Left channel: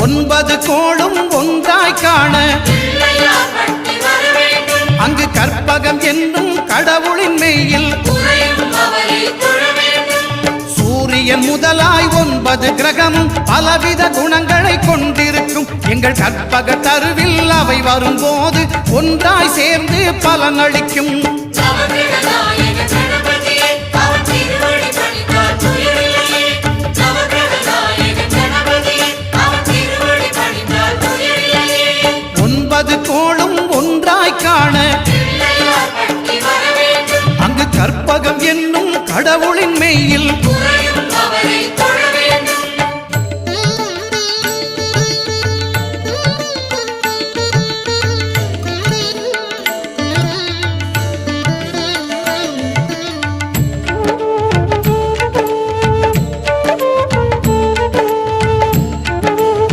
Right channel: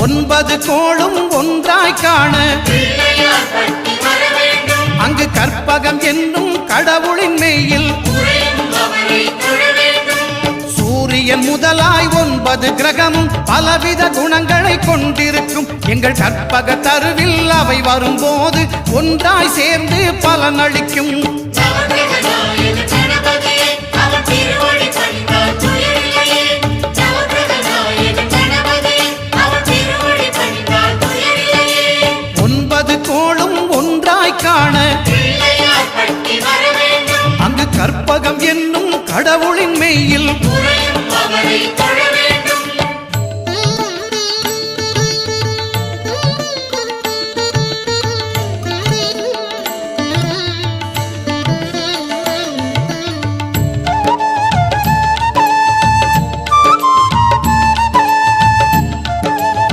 9 கோளும் ஒன்றாய் காண அங்கு கற்பகம் என்னும் கடவுளின் மெய்யில் சூரியன் முதலாய் 9 கிரகமும் பலவித குணங்களை கொண்டிருக்கும் எங்கள் கற்பக தருவில் அவை வரும்போது ஒன்றாய் சேர்ந்து பலனளிக்கும். கோளும் ஒன்றாய் காண அங்கு கற்பகம் என்னும் கடவுளின் மெய்யில்